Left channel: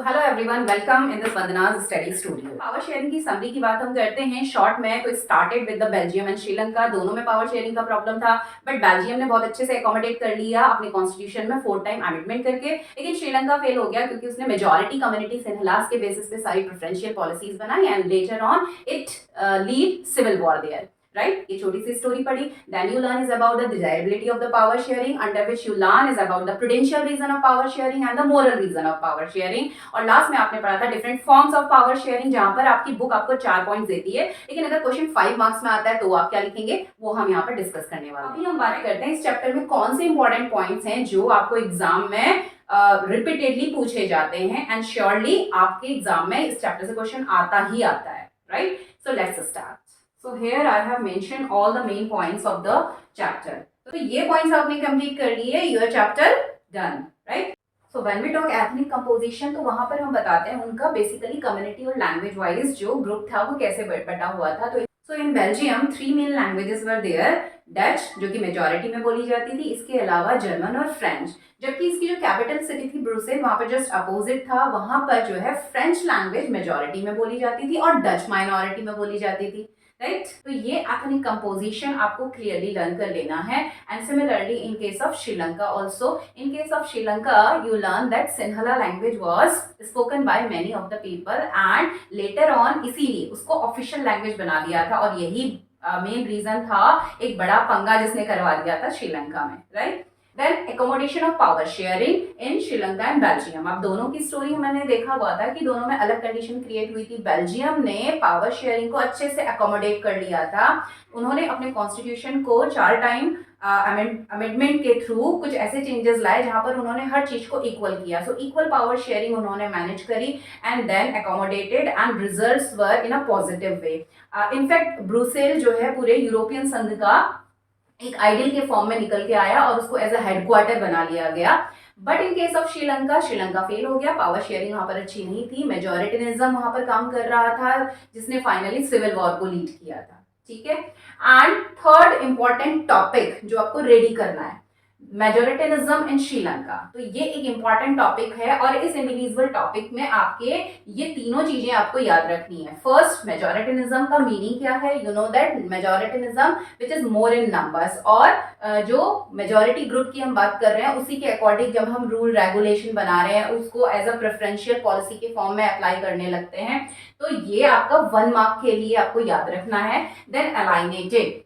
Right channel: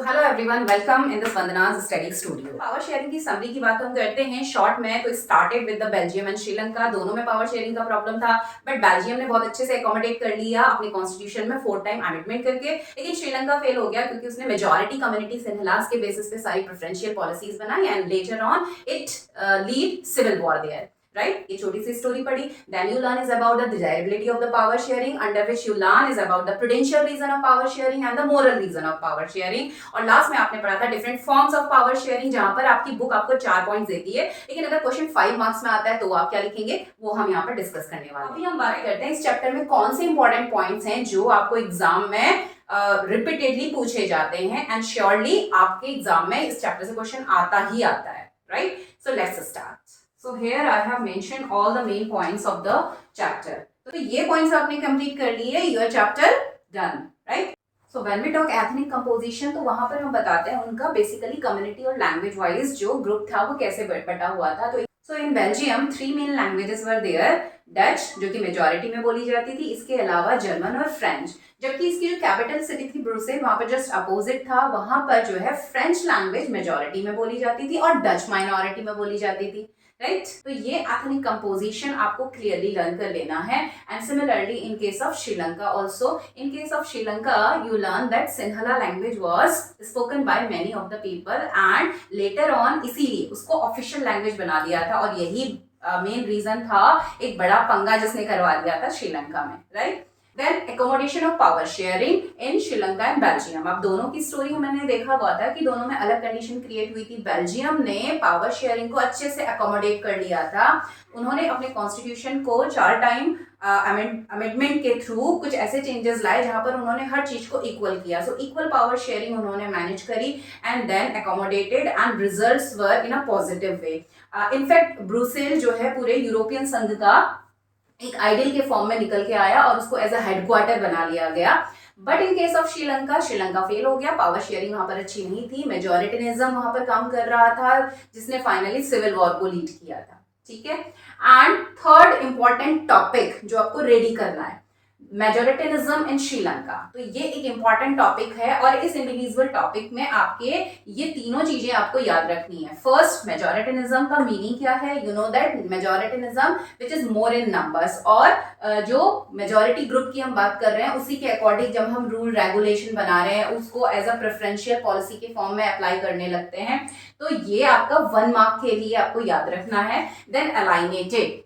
So hello everyone, welcome in this Vandana's study studio. Power sharing की summary की बात हम करते हैं शॉर्ट में। तो started with the Belgium and Sri Lanka, दोनों में पावर शेयरिंग का प्रॉब्लम था, बट बेल्जियम ने बहुत अच्छे से अकोमोडेट कर लिया अपने कॉन्स्टिट्यूशन में 4 टाइम अमेंडमेंट करके। लेकिन श्रीलंका फेल हो गया क्योंकि उसने मेजॉरिटी कम्युनिटी सिंहलास के बेसिस पे सारी प्रेफरेंशियल पॉलिसीज बनाई and later on it lead civil war there. Right, ये छोटी सी स्टोरी पढ़ी। Then you learn is about the desirability of the power sharing, under which you learn is about the prudential reason of power sharing and the moral reason of power sharing. और last में आपने पढ़ा था different forms of power sharing, जहां पर आपकी book आपको 4 points देती है, लेकिन अगर क्वेश्चन 5 मार्क्स में आता है तो आप क्या लिखेंगे वो हम यहाँ पर डिस्कस करने वाले हैं। अभी हम बात करते हैं इस चैप्टर में कौन से इंपॉर्टेंट पॉइंट्स हैं जो आपको एग्जाम में रिपीटेडली पूछे जाते हैं एंड श्योरली आपके एग्जाम में इस चैप्टर से क्वेश्चन आता ही आता है। Right, so let's start. So here I have mentioned all the main points of the chapter. तो ये points आपने complete कर लिए, your chapter done, right? So when we talk ethnic composition, तो वहाँ पर हम बताते हैं उनका basically community और language wise जो group था वो कैसे बटा हुआ था। तो so in Belgium 3 main languages were there. Dutch जो कि मेजॉरिटी में बोली जाती थी, इसके अलावा जर्मन और फ्रेंच। जबकि इसकी जो कैपिटल सिटी थी ब्रुसेल, वहां पर जस्ट अपोजिट था, वहां पर जो है फ्रेंच लैंग्वेज मेजॉरिटी में बोली जाती थी और डच माइनॉरिटी में बोली जाती थी। राइट, तो ये एथनिक कंपोजिशन आपको क्लियरली लर्न कर लेना है। And similarly in case of Sri Lanka also, in case of Sri Lanka you learn that Sinhala language was spoken by many of the people and later on इसीलिए उसको ऑफिशियल लैंग्वेज बना दिया था। और यही मेन रीजन था, एक बड़ा पंगा जिसने करवा दिया था श्रीलंका में। Right, then accommodation of power sharing in Sri Lanka and Belgium. अब दोनों की स्टोरी हमने देखा हुआ था कि दोनों में अलग कंडीशन क्रिएट हुई थी। बेल्जियम ने पावर शेयरिंग को अच्छे से अकोमोडेट कर लिया था। उन्होंने अपने कॉन्स्टिट्यूशन को 4 टाइम अमेंडमेंट के थ्रू कुछ ऐसे चेंजेस लाए जहां पर उन्होंने हर चीज को इक्वल किया। सो इक्वल पावर शेयरिंग उन्होंने मैनेज करी and then accommodated and results were in a positive way. In fact Brussels जो है पूरे यूरोपियन संघ का एक आइडियल के फॉर्म में निकल के आया और उसको एज अ हेडक्वार्टर बना लिया गया। But in case of Sri Lanka, Sri Lanka fail हो गया। पावर शेयरिंग वहां पर अच्छी नहीं थी, मेजोरिटिनिज्म वहां पर काम कर रहा था, जिसने फाइनली सिविल वॉर को लीड किया था। ठीक है, एंड थर्ड इंपॉर्टेंट टॉपिक जो आपको रेडी करना है, मेजोरिटिनिज्म इन श्रीलंका। तो ये एक इंपॉर्टेंट टॉपिक है और इस इंडिविजुअल टॉपिक में आपके ये तीनों चीजें आपको याद रखनी है। फर्स्ट, मेजोरिटिनिज्म का मीनिंग क्या है? You know that majoritarianism which is more in numbers. और जो मेजोरिटी ग्रुप की हम बात कर रहे हैं उसी के अकॉर्डिंग जब हम रूल रेगुलेशन बना रहे हैं उसको एज अ प्रेफरेंशियल पॉलिसी के फॉर्म में अप्लाई करने लगते हैं। तो ये आपका 1 मार्क के लिए आपको याद रखना है। Then alienated,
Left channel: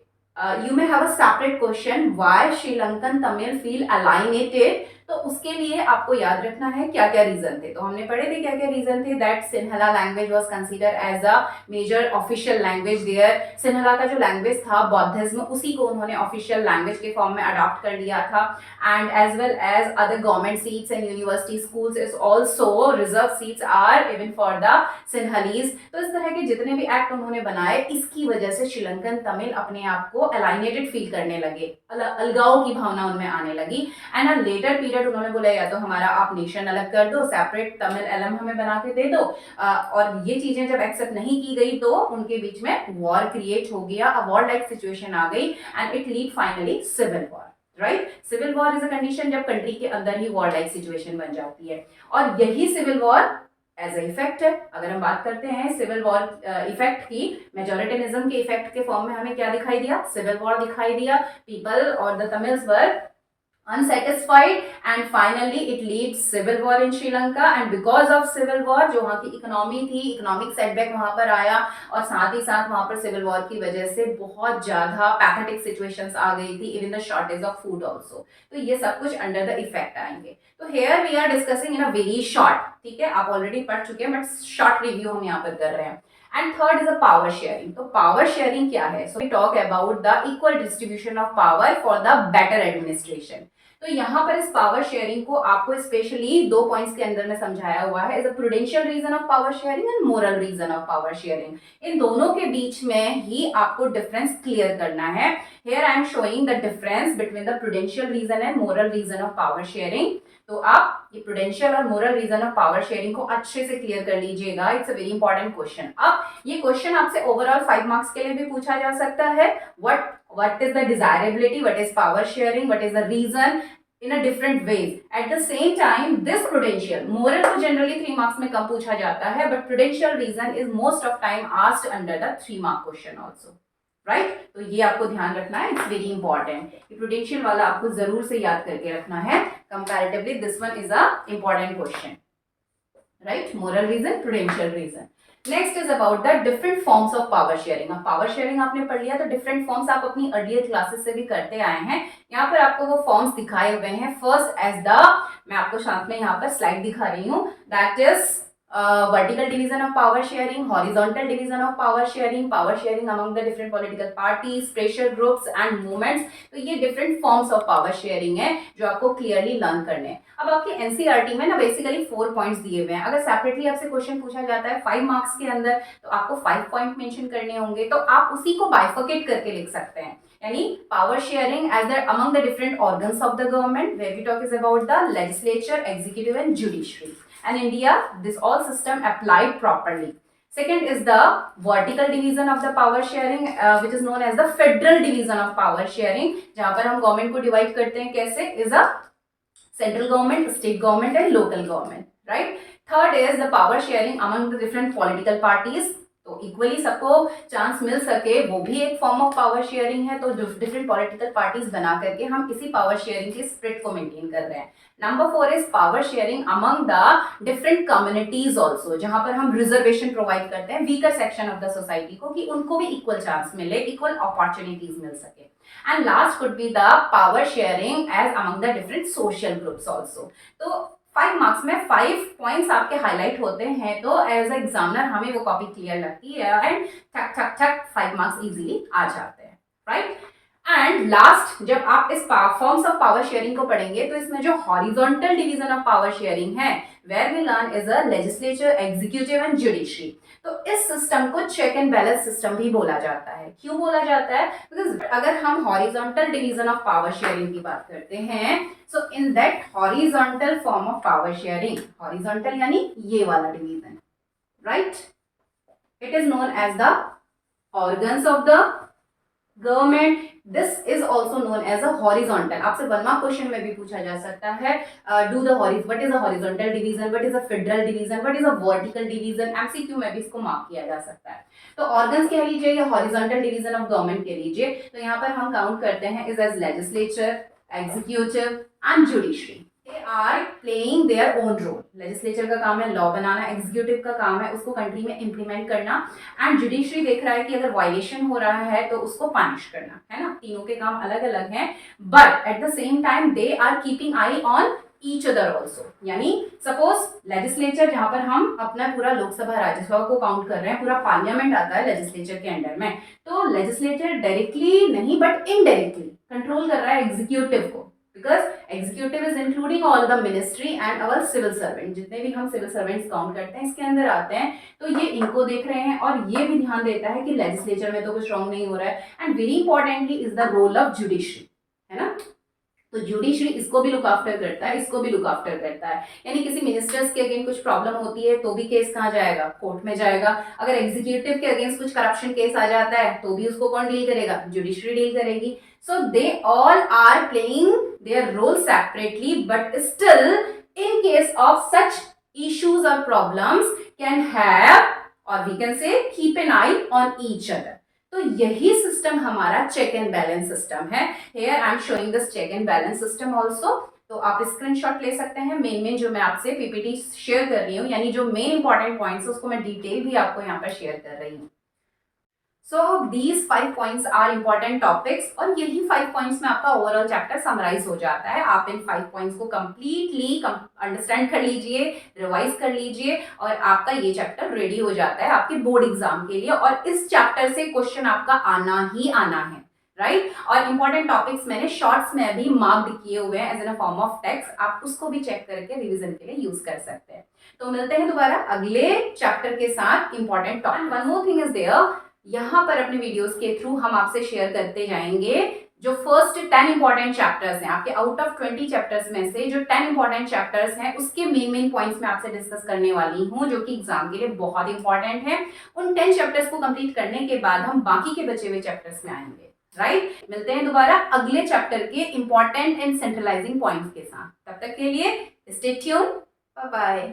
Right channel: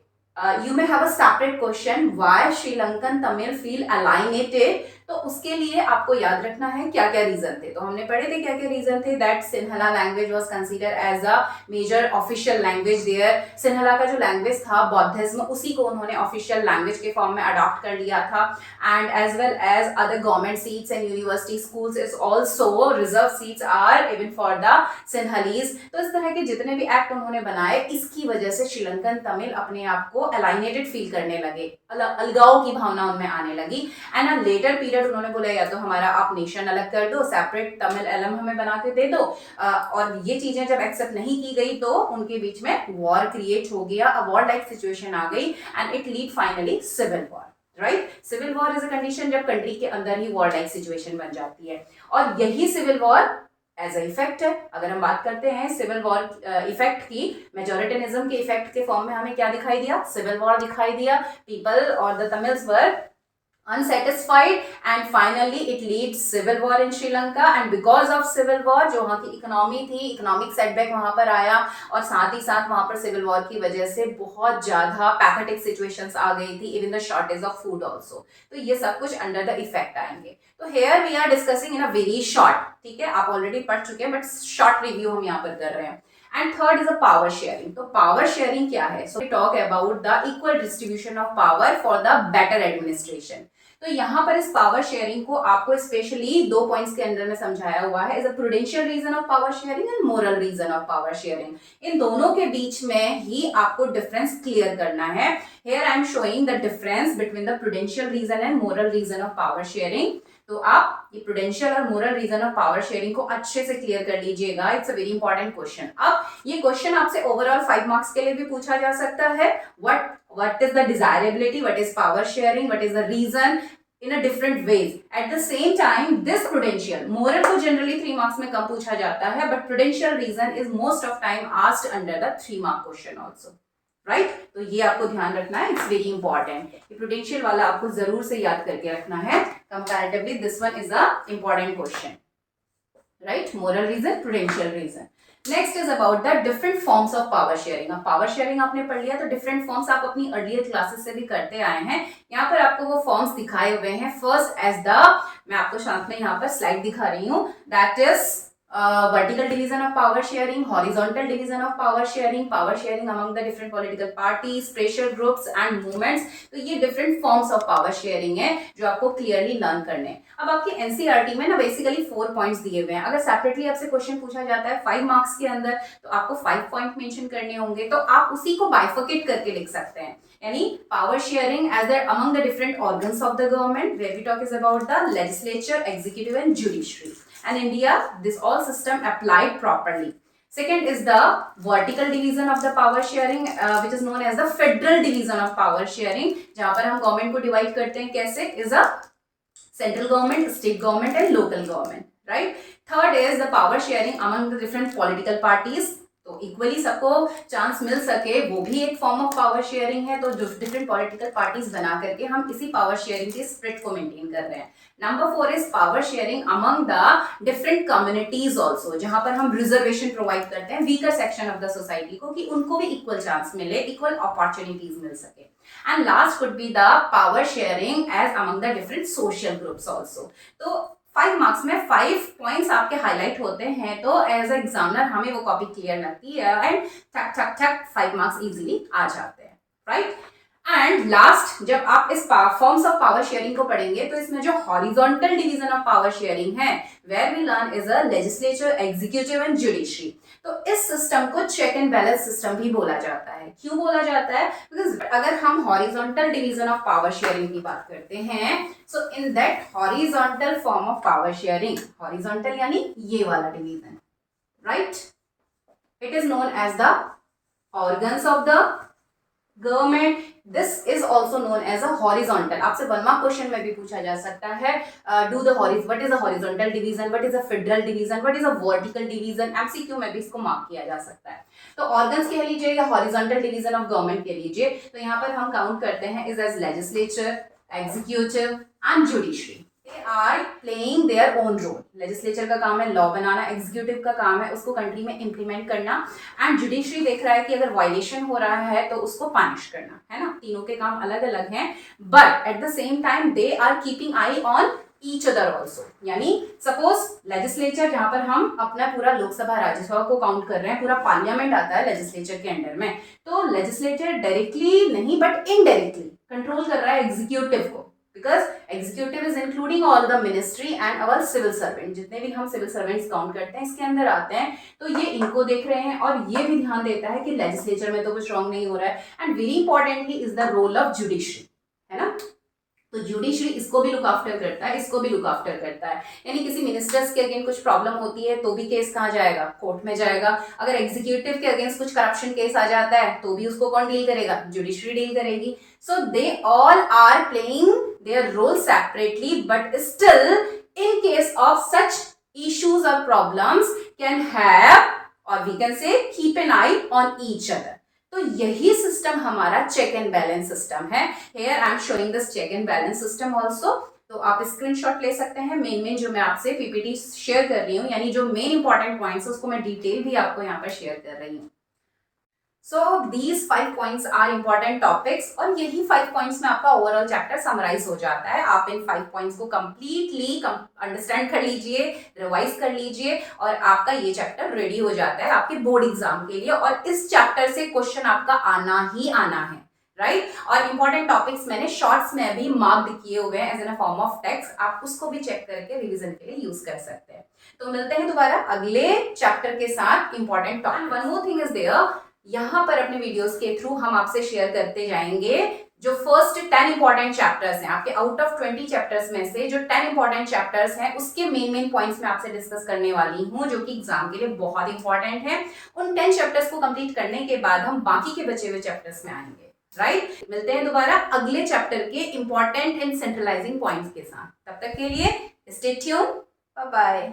you may have a separate question why Sri Lankan Tamil feel alienated। तो उसके लिए आपको याद रखना है क्या क्या रीजन थे। तो हमने पढ़े थे क्या क्या रीजन थे। That Sinhala language was consider as a major official language there. Sinhala का जो लैंग्वेज था बौद्धिज्म, उसी को उन्होंने ऑफिशियल लैंग्वेज के फॉर्म में अडॉप्ट कर लिया था। And as well as other government seats and university schools is also reserve seats are even for the Sinhalese. तो इस तरह के जितने भी एक्ट उन्होंने बनाए, इसकी वजह से श्रीलंकन तमिल अपने आप को अलाइनेटेड फील करने लगे, अलगाव की भावना उनमें आने लगी। एंड अ लेटर पीरियड उन्होंने बोला या तो हमारा आप नेशन अलग कर दो, सेपरेट तमिल एलम हमें बना के दे दो। और ये चीजें जब एक्सेप्ट नहीं की गई तो उनके बीच में वॉर क्रिएट हो गया, अ वॉर लाइक सिचुएशन आ गई and it lead finally civil war. Right, civil war is a condition जब कंट्री के अंदर ही वॉर लाइक सिचुएशन बन जाती है। और यही civil war as a effect है। अगर हम बात करते हैं सिविल वॉर इफेक्ट की, मेजोरिटिनिज्म के इफेक्ट के फॉर्म में हमें क्या दिखाई दिया? सिविल वॉर दिखाई दिया। पीपल और the Tamils were unsatisfied and finally it leads civil war in Sri Lanka। and because of civil war जो वहाँ की इकोनॉमी थी, इकोनॉमिक सेटबैक वहाँ पर आया और साथ ही साथ वहाँ पर सिविल वॉर की वजह से बहुत ज़्यादा पैथेटिक सिचुएशंस आ गई थी, even the shortage of food also. तो ये सब कुछ अंडर द इफेक्ट आएंगे। तो here we are discussing in a very short, ठीक है, आप ऑलरेडी पढ़ चुके हैं बट शॉर्ट रिव्यू हम यहाँ पर कर रहे हैं। And third is a power sharing. तो पावर शेयरिंग क्या है? So we talk about the equal distribution of power for the better administration. तो यहाँ पर इस पावर शेयरिंग को आपको स्पेशली 2 पॉइंट्स के अंदर में समझाया हुआ है, is a prudential reason of power sharing and moral reason of power sharing. इन दोनों के बीच में ही आपको डिफरेंस क्लियर करना है। Here I am showing the difference between the prudential reason and moral reason of power sharing. तो आप ये प्रूडेंशियल और moral reason of power sharing को अच्छे से क्लियर कर लीजिएगा, it's a very important question. अब ये क्वेश्चन आपसे ओवरऑल 5 मार्क्स के लिए भी पूछा जा सकता है। what is the desirability, what is power sharing, what is the reason, in a different ways. At the same time, this prudential, moral को generally 3 marks में कम पूछा जाता है, but prudential reason is most of time asked under the 3 mark question also. Right तो ये आपको ध्यान रखना है, इट्स वेरी इंपॉर्टेंट. ये प्रूडेंशियल वाला आपको जरूर से याद करके रखना है. Comparatively this one is a important question. Right, moral reason, prudential reason. Next is about the different forms of power sharing. अब पावर शेयरिंग आपने पढ़ लिया तो डिफरेंट फॉर्म्स आप अपनी अर्लियर क्लासेस से भी करते आए हैं. यहाँ पर आपको वो फॉर्म्स दिखाए हुए हैं. फर्स्ट एज द, मैं आपको साथ में यहाँ पर स्लाइड दिखा रही हूँ, that is vertical division of power sharing, horizontal division of power sharing among the different political parties, pressure groups and movements. तो ये different forms of power sharing है जो आपको clearly learn करने हैं. अब आपके NCERT में ना basically 4 points दिए हुए हैं. अगर separately आपसे क्वेश्चन पूछा जाता है 5 marks के अंदर तो आपको 5 point mention करने होंगे, तो आप उसी को bifurcate करके लिख सकते हैं. यानी power sharing as the among the different organs of the government, where we talk is about the legislature, executive and judiciary. And India, this all system applied properly. Second is the vertical division of the power sharing, which is known as the federal division of power sharing. जहाँ पर हम government को divide करते हैं कैसे, is a central government, state government and local government, right? Third is the power sharing among the different political parties. तो equally सबको chance मिल सके, वो भी एक फॉर्म ऑफ पावर शेयरिंग है. तो डिफरेंट पॉलिटिकल पार्टीज बना करके हम इसी पावर शेयरिंग के स्प्रिट को मेंटेन कर रहे हैं. Number 4 is power sharing among the different communities also, जहां पर हम रिजर्वेशन प्रोवाइड करते हैं weaker section of the society को, कि उनको भी इक्वल चांस मिले, इक्वल अपॉर्चुनिटीज मिल सके. And last could be the power sharing as among the different social groups also. तो 5 मार्क्स में 5 पॉइंट्स आपके हाईलाइट होते हैं, तो एज अ एग्जामिनर हमें वो कॉपी क्लियर लगती है एंड ठक ठक ठक 5 मार्क्स इजीली आ जाते हैं. राइट, एंड लास्ट जब आप इस फॉर्म्स ऑफ पावर शेयरिंग को पढ़ेंगे तो इसमें जो horizontal division of power sharing है, where we learn is a legislature, executive and judiciary. तो इस सिस्टम को चेक एंड बैलेंस सिस्टम भी बोला जाता है. क्यों बोला जाता है? बिकॉज अगर हम horizontal division of power sharing की बात करते हैं, so in that horizontal form of power sharing, horizontal यानी ये वाला division, right, it is known as the organs of the government. This is also known as a horizontal. आपसे 1 mark question में भी पूछा जा सकता है, do the what is a horizontal division, what is a federal division, what is a vertical division. MCQ में भी इसको मार्क किया जा सकता है. तो ऑर्गन्स कह लीजिए या हॉरिजॉन्टल डिवीजन ऑफ गवर्नमेंट कह लीजिए, तो यहाँ पर हम काउंट करते हैं is as legislature, executive and judiciary. They are playing their own role. Legislature का काम है लॉ बनाना, एग्जीक्यूटिव का काम है उसको कंट्री में इंप्लीमेंट करना, एंड जुडिशरी देख रहा है कि अगर वायलेशन हो रहा है तो उसको पनिश करना, है ना. तीनों के काम अलग अलग हैं, but at the same time they are keeping eye on each other also. यानी सपोज लेजिस्लेचर, जहां पर हम अपना पूरा लोकसभा राज्यसभा को काउंट कर रहे हैं, पूरा पार्लियामेंट आता है लेजिस्लेचर के अंडर में, तो लेजिस्लेचर डायरेक्टली नहीं बट इनडायरेक्टली कंट्रोल कर रहा है एग्जीक्यूटिव को, because executive is including all the ministry and our civil servant. जितने भी हम सिविल सर्वेंट्स काउंट करते हैं इसके अंदर आते हैं, तो ये इनको देख रहे हैं और ये भी ध्यान देता है कि लेजिस्लेचर में तो कुछ रॉन्ग नहीं हो रहा है. And very importantly is the role of judiciary, है ना. तो जुडिशरी इसको भी लुक आफ्टर करता है, इसको भी लुक आफ्टर करता है. यानी किसी मिनिस्टर्स के अगेंस्ट कुछ प्रॉब्लम होती है तो भी केस कहाँ जाएगा, कोर्ट में जाएगा. अगर एग्जीक्यूटिव के अगेंस्ट कुछ करप्शन केस आ जाता है तो भी उसको कौन डील करेगा, जुडिशरी डील करेगी. So they all are playing their role separately, but still in case of such issues और प्रॉब्लम्स कैन हैव, और we can say keep an eye on each other. तो यही सिस्टम हमारा check and balance system है. Here I am showing this check and balance system also. तो आप screenshot ले सकते हैं. मेन जो मैं आपसे पीपीटी शेयर कर रही हूँ, यानी जो मेन इंपॉर्टेंट पॉइंट्स है उसको मैं डिटेल भी आपको यहाँ पर शेयर कर रही हूँ. So these 5 points are important topics, और यही 5 पॉइंट्स में आपका ओवरऑल चैप्टर समराइज हो जाता है. आप इन 5 पॉइंट्स को कंप्लीटली अंडरस्टैंड कर लीजिए, रिवाइज कर लीजिए, और आपका ये चैप्टर रेडी हो जाता है आपके बोर्ड एग्जाम के लिए. और इस चैप्टर से क्वेश्चन आपका आना ही आना है, राइट. और इंपॉर्टेंट टॉपिक्स मैंने शॉर्ट्स में भी मार्क्ड किए हुए हैं as an a form of text. आप उसको भी चेक करके रिवीजन के लिए यूज कर सकते हैं. तो मिलते हैं दोबारा अगले चैप्टर के साथ important topic. One more thing is there, यहाँ पर अपने वीडियोस के थ्रू हम आपसे शेयर करते जाएंगे जो फर्स्ट 10 इंपॉर्टेंट चैप्टर्स हैं आपके आउट ऑफ 20 चैप्टर्स में से, जो 10 इंपॉर्टेंट चैप्टर्स हैं उसके मेन पॉइंट्स मैं आपसे डिस्कस करने वाली हूँ, जो कि एग्जाम के लिए बहुत इंपॉर्टेंट है. उन 10 चैप्टर्स को कंप्लीट करने के बाद हम बाकी के बचे हुए चैप्टर्स में आएंगे, राइट। मिलते हैं दोबारा अगले चैप्टर के इंपॉर्टेंट एंड सेंट्रलाइजिंग पॉइंट्स के साथ। तब तक के लिए स्टे ट्यून, बाय बाय।